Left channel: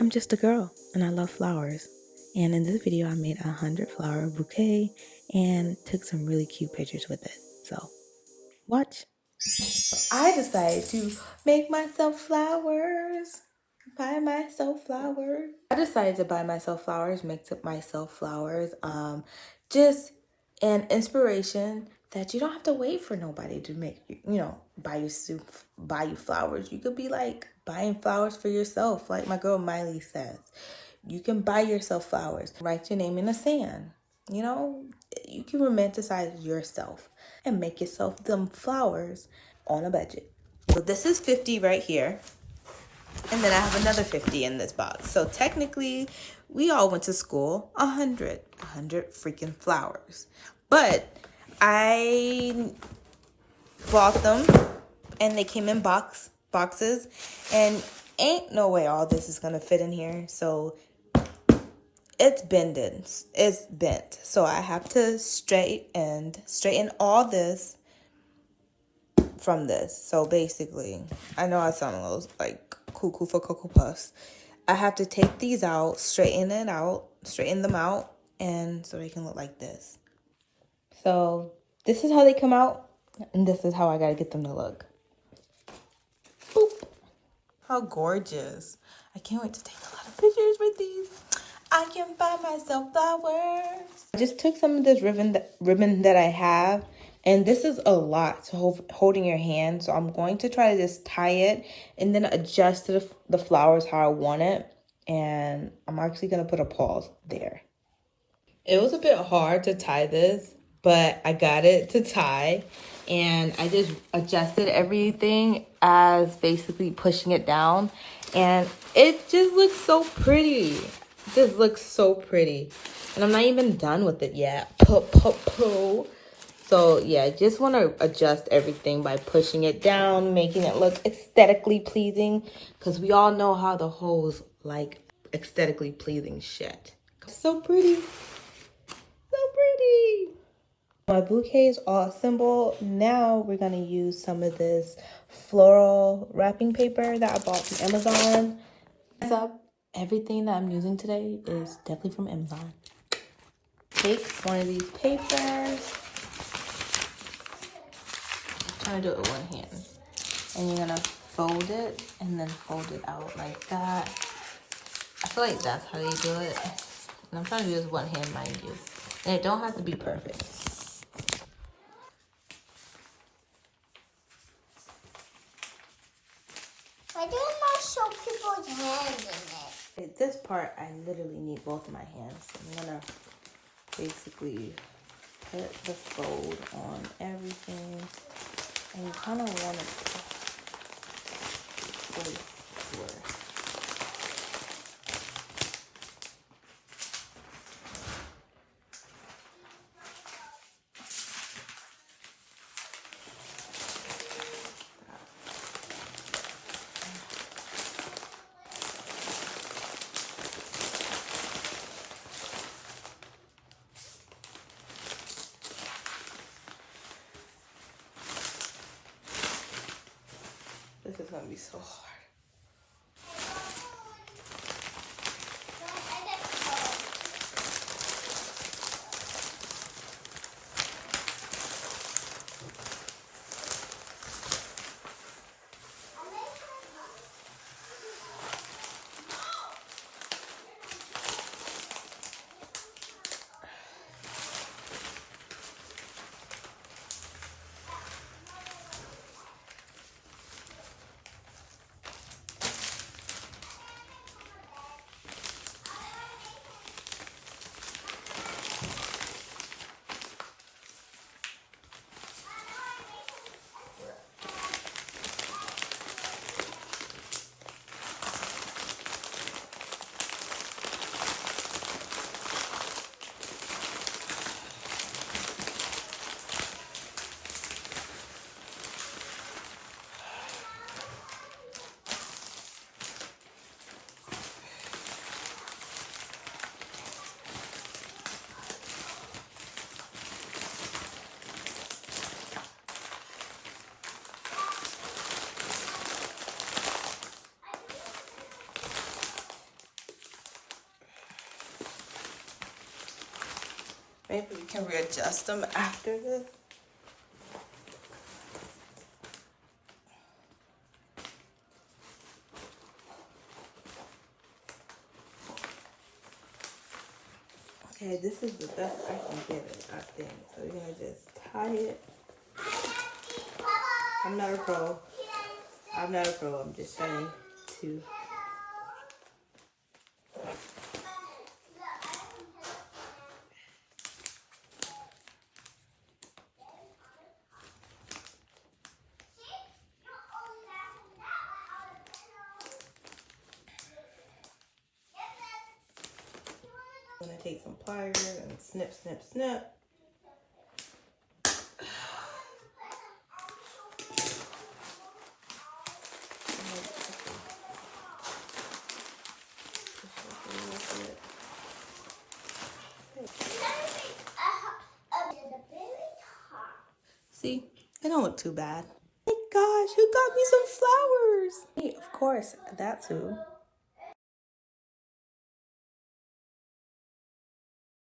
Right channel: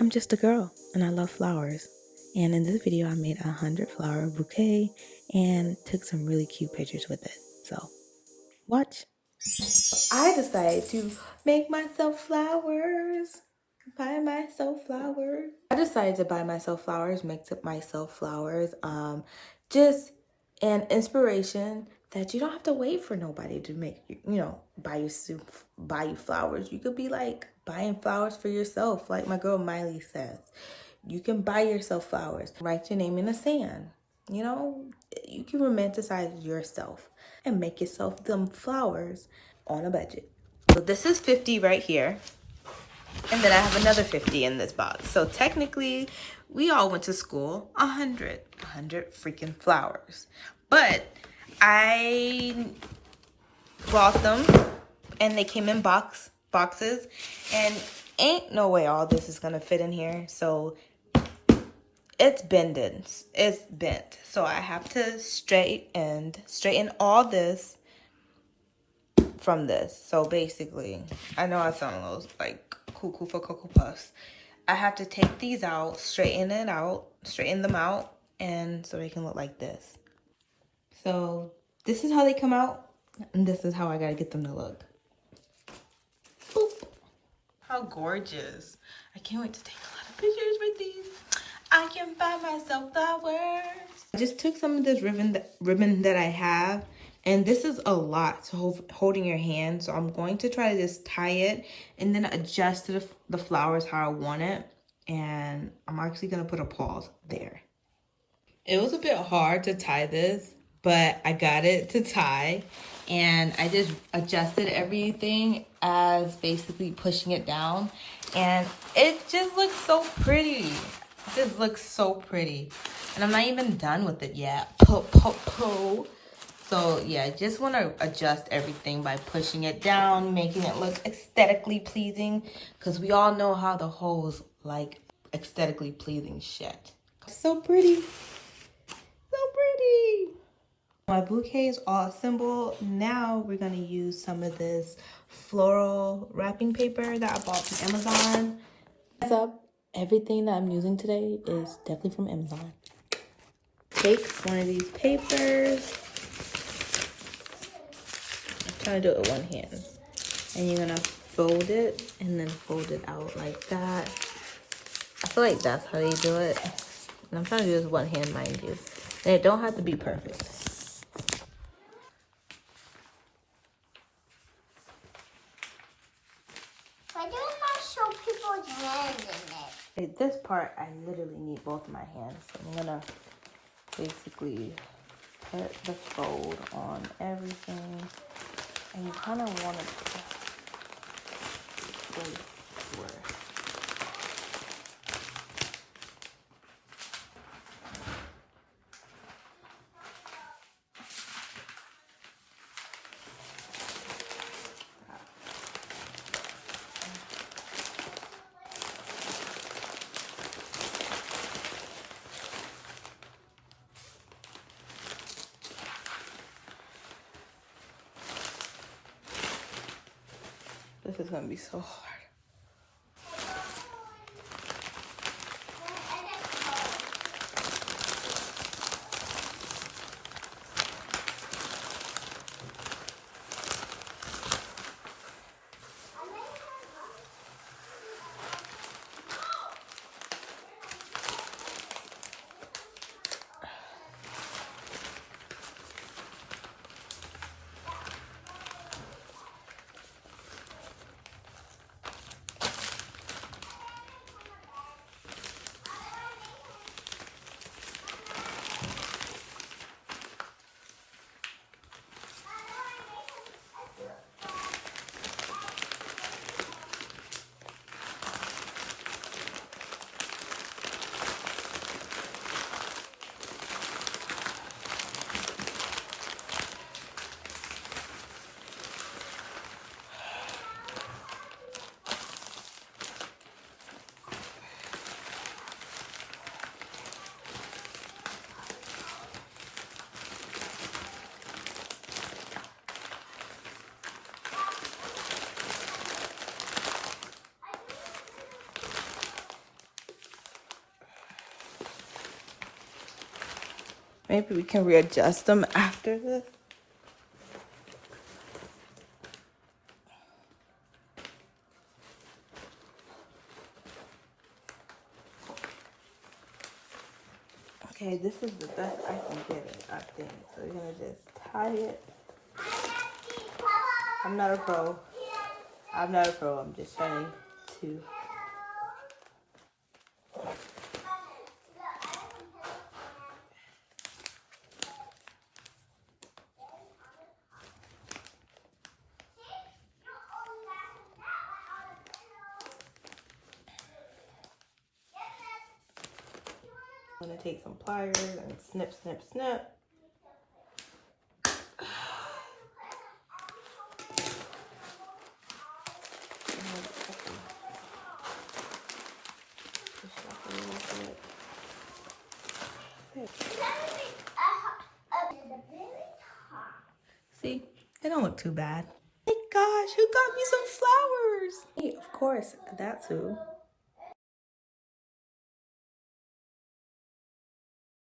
I'm just a girl and I love flowers. And in this video, I made a 100-flower bouquet and took some really cute pictures with it. So, watch. I decided to make myself flowers. Buy myself flowers. I decided to buy myself flowers, mix up myself flowers. Just an inspiration that you don't have to wait for nobody to make, buy you flowers. You could be like buying flowers for yourself, like my girl Miley says. You can buy yourself flowers. Write your name in the sand. You can romanticize yourself and make yourself them flowers on a budget. So this is 50 right here. And then I have another 50 in this box. So technically, we all went to school 100 freaking flowers. But I bought them and they came in boxes. And ain't no way all this is gonna fit in here. So it's bending. It's bent. So I have to straighten all this from this. So basically, I know I sound a little like cuckoo for Cocoa Puffs. I have to take these out, straighten them out, and so they can look like this. So this is how they come out, and this is how I gotta get them to look. Boop. How gorgeous. I can't wait to take a lot of pictures with these. I can buy myself flowers. I just took some of this ribbon that I have, and this is a lot to hold in your hand. So I'm going to try to just tie it and then adjust to the flowers how I want it. And I'm actually going to put a pause there. It was a bit hard to tie this, but I got it to tie. And I just adjusted everything as basically pushing it down. And it just looks so pretty. It just looks so pretty. And I'm not even done with it yet. So yeah, just want to adjust everything by pushing it down, making it look aesthetically pleasing. Because we all know how the hoes like aesthetically pleasing shit. So pretty. So pretty. My bouquet is all assembled. Now we're going to use some of this floral wrapping paper that I bought from Amazon. What's up? Everything that I'm using today is definitely from Amazon. Take one of these papers. I'm trying to do it with one hand. And you're going to fold it and then fold it out like that. I feel like that's how they do it. And I'm trying to do this with one hand, mind you. And it don't have to be perfect. Why didn't I show people's hands in it? This part, I literally need both of my hands. So I'm gonna basically put the fold on everything. And you kind of want to place where. This is gonna be so hard. Maybe we can readjust them after this. Okay, this is the best I can get it, I think. So we're gonna just tie it. I'm not a pro. I'm not a pro. I'm just trying to. I'm gonna take some pliers and snip, snip, snip. See, they don't look too bad. Hey gosh, who got me some flowers? Hey, of course, that's who.